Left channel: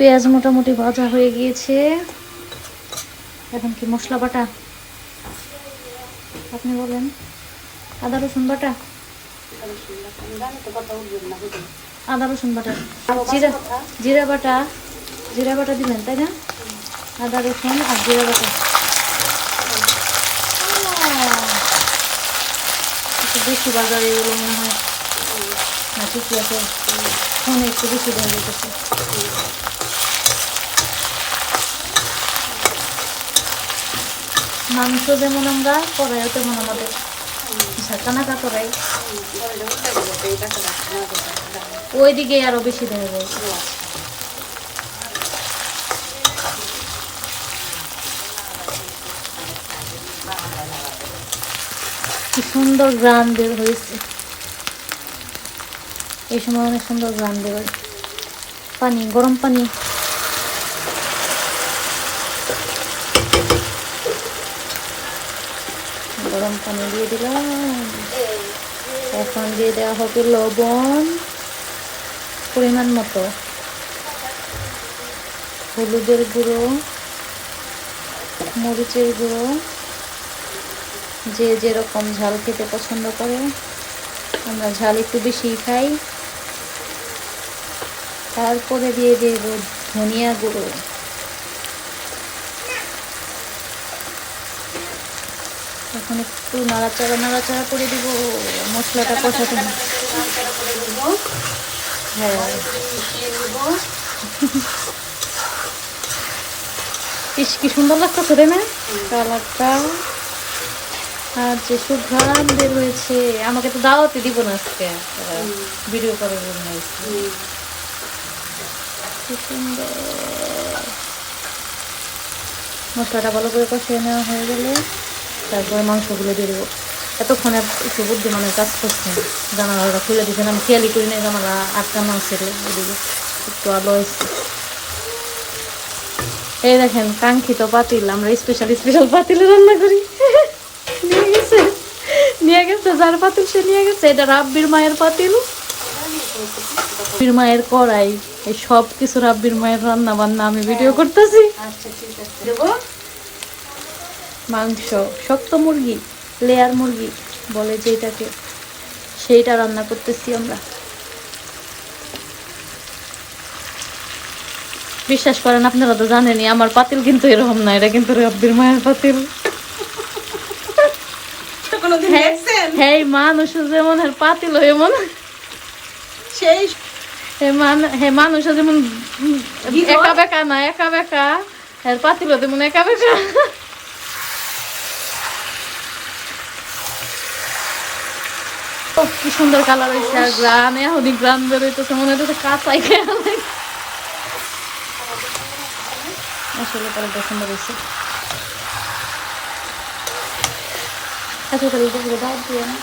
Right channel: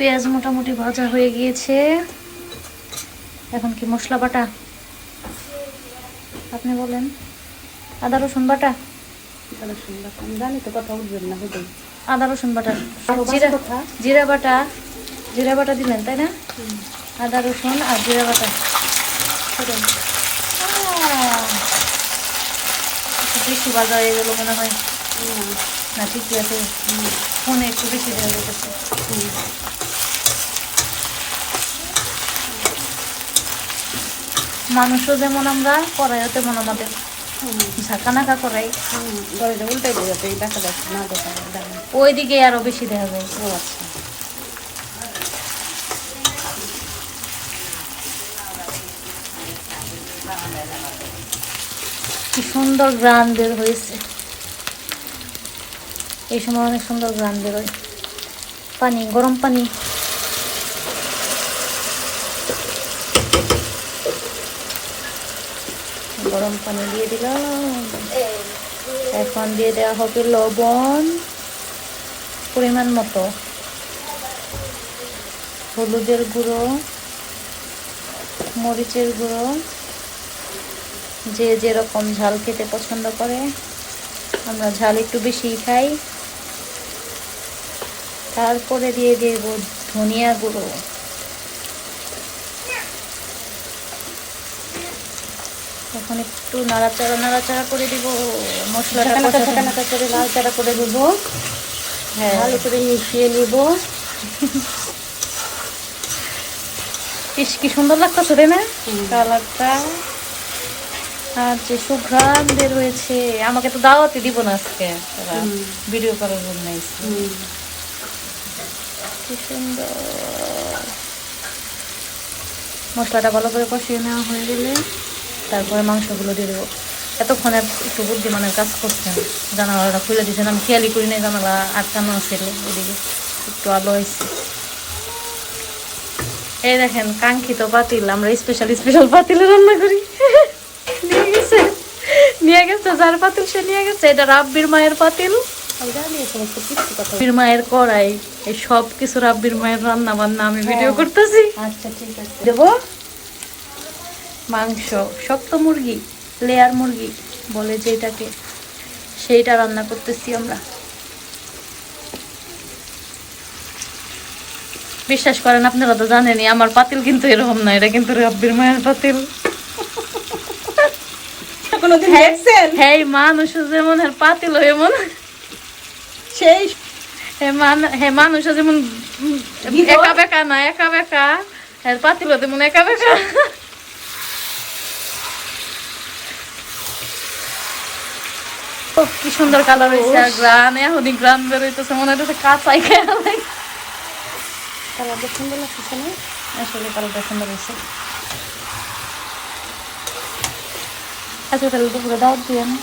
পেঁয়াজ মোটামুটি ভাজা হয়ে গিয়েছে। এখন কি মশলা বাটা? আপনি বলেন। আদা, রসুন বাটা? আদা, রসুন বাটা। জিরা জিরা বাটা জিরা বাটা দিবেন, তাই না? আদা, রসুন আর জিরা বাটা। বেশি বাজা হয়ে গেলো মনে হয়। না ঠিকই আছে। ফোনে একটু বেশি দেওয়া যেতেছে। মাংস যেমন আমরা কড়াইও তেমন আমাদের। ঝাঁকা নাকা করাই। দেখা দেখা ওইদিকে আরও বেশি দেওয়া যায়। সুন্দর গ্রান বের হয়েছে। এই সময় অনেক সুন্দর গ্রাম বের হয়। পানি, গরম পানি। গরম পানি দিয়ে দিলাম। এখন দিয়ে দেওয়া হবে লবণ পরিমাণ মতো। হলুদের গুঁড়ো, মরিচের গুঁড়ো, যে যেরকম ঝাল খেতে পছন্দ করে, আমরা ঝাল একটু বেশি খাই। তারপরে দিয়ে দেব ধনিয়া গুঁড়ো। এখন একটু নাড়াচাড়া নাড়াচাড়া করে দিব মশলাটা কষাতে নাড়াচাড়া করে দেবো। হ্যাঁ। মিশিয়ে ইস কি সুন্দর লাগতেছে রে না? কালারটা আর যে সুঘ্রাণ বের হয়েছে আমাকে তো দাওয়াতে দিব না আজকে ভিডিও করার জন্য। কি সুন্দর। মশলাটা ভালো করে কষিয়ে নেওয়া হয়ে গেলে। তারপরে মাংসগুলো দিয়ে দেবো। এতক্ষণে একটু বুদ্ধিমানের কাজ করছেন। জানালাটা খুলে দিয়েছেন। আমি খেয়ালই করি না জানালা আটকানো ছিল ওদিকে একটু আলো হয়েছে। এই দেখেন কাঙ্ক্ষিত পাতিল। আমরা স্পেশাল স্পেশাল পাতিলে রান্না করি। নিয়ে গেছে। নিয়ে গেছে যার পাতিল সে নিয়ে গেছে। এটা রাব্বির মায়ের পাতিল। রাব্বির মায়ের কড়াই। এই সব কিছু রাব্বির মায়ের রান্না বান্না আমি ভিডিও করতেছি। আচ্ছা ঠিক আছে। দেবো? মাংস শক্ত মুরগি লেয়ার মুরগি বলে যেটাকে সেইটা রান্না করতেছি আমরা। বিশ্বাস করেন আপনারা তো জানেনই আমার পাতিল কিন্তু এরকম না এটা কিন্তু রাব্বির মায়ের পাতিল। হ্যাঁ মানুষ যেমন পাতিল এমন সেই হে হে মানুষ যেমন একা বেকা না একা বেকা। পাতিল যেমন একা বেকা। ও, কি সুন্দর কালার হয়েছে আর গ্রান গ্রান বেরোইতেছে মনে হচ্ছে কাঁচাই খেয়ে আসলে কালারটা সুন্দর হয়েছে আচ্ছা তাহলে দুপুরে দাওয়াত দিয়ে না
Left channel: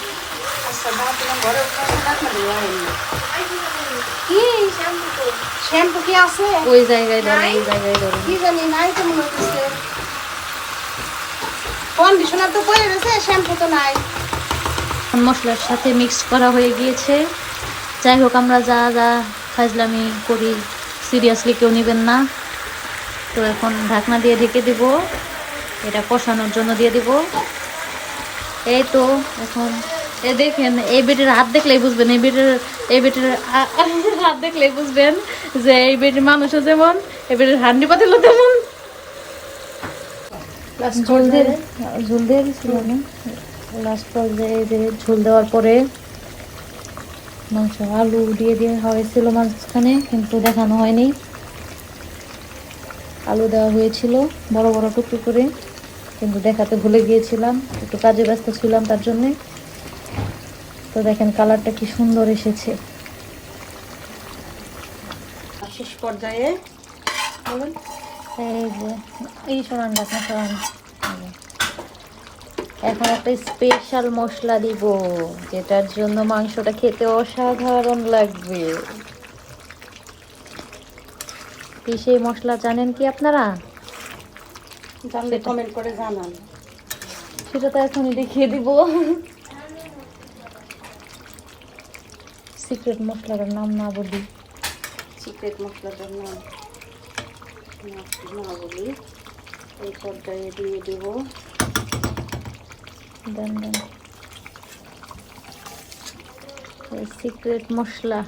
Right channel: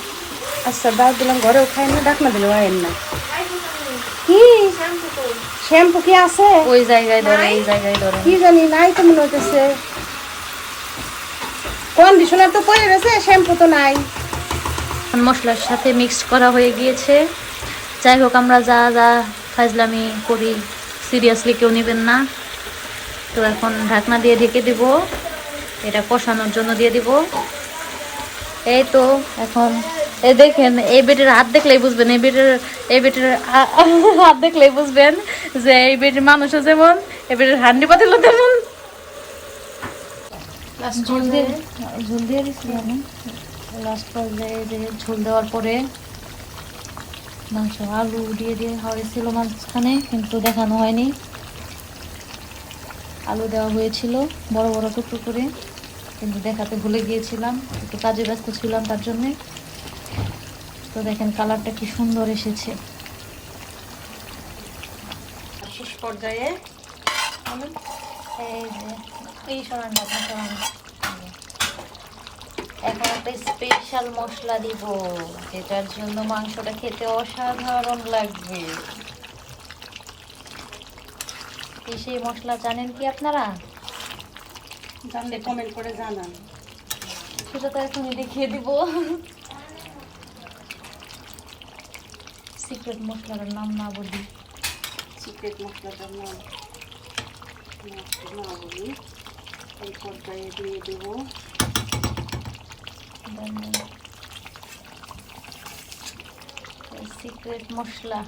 আচ্ছা দিলাম ঘরে খাই না ডাক না বলে না। কি? শ্যাম্পু কি আছে? ওই জায়গায় ধরে এই জায়গায় ধরে কি জানি নাই তো মনে হতেছে কন্ডিশনার তো পরে গেছে শ্যাম্পু তো নাই। মশলার সাথে মিক্স করা হয়ে গিয়েছে। যাই হোক, আমরা যা যা ফাজলামি করি সিরিয়াসলি কেউ নেবেন না। তো এখন ঢাকনা দিয়ে ঢেকে দিব। এটা কষানোর জন্য দিয়ে দিব। এই তো, এখন এ দেখেন, এই বেটির হাত দেখলেই বুঝবেন, এই বেটির এই বেটির হাত দেখলেই বুঝবেন যে এই বেটির মানুষও যেমন, এই বেটির হান্ডি পাতিল তেমন ঝোল দিয়ে দিয়ে ঝোল দেওয়ার পরে মাংস আলু দিয়ে দিয়ে হয়েছিল মাঝখানে কিন্তু দেখানো হয়নি। আলু দেওয়া হয়েছিল বড় বড় টুকরো করে কিন্তু দেখাতে ভুলে গিয়েছিলাম একটু কাজে ব্যস্ত ছিলাম তার জন্যে। তো দেখেন কালারটা কি সুন্দর এসেছে। শেষ পর্যায়ে এই যে এই সমান দেখেন এখন একটা স্পেশাল মশলা দিব যেটার জন্য মাংসটা খেতে অসাধারণ লাগবে। কি সেই মশলা জানেন কি আপনারা? জানলে কমেন্ট করে জানান। সেটা তো এখনই দেখিয়ে দিব। সিক্রেট মশলার নাম না বলি। সিক্রেট মশলাটার নাম না বলি। এই তরকারি দিয়ে দেবো। সিক্রেট মশলা।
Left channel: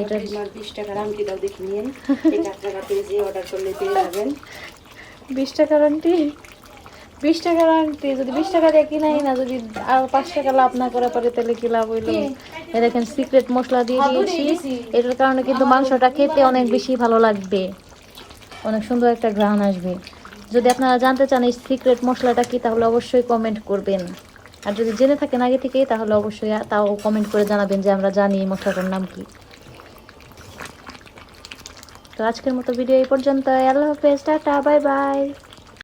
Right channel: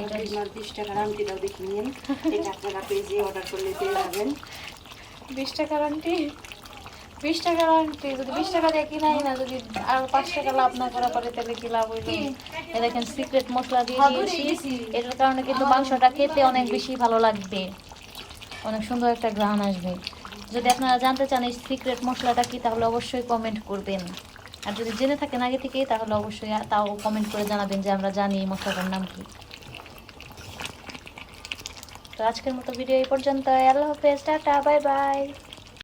এটা এটা বিশ টাকার আংটিটাও দেখে নিন। এই চার টাকা পেজে অর্ডার করলে পেয়ে যাবেন। বিশ টাকার আন্টি বিশ টাকার আন্টি যদি বিশ টাকা দিয়ে কিনাই না যদি আর পাঁচ টাকা লাভ না করে পরে তাহলে কি লাভ হইতো দেখেন সিক্রেট মশলা দিয়ে দিয়েছি। এটার কারণে কিন্তু মাংসটা খেতে অনেক বেশি ভালো লাগবে। অনেক সুন্দর একটা গ্রান আসবে। যদি আপনারা জানতে চান এই সিক্রেট মশলাটা কি, তাহলে অবশ্যই কমেন্ট করবেন। আর যদি জেনে থাকেন আগে থেকেই, তাহলে অবশ্যই তাও কমেন্ট করে জানাবেন যে আমরা জানি এই মশলাটার নাম কি। তো আজকের মতো ভিডিও এই পর্যন্ত আল্লাহ হাফেজ, টাটা বাই বাই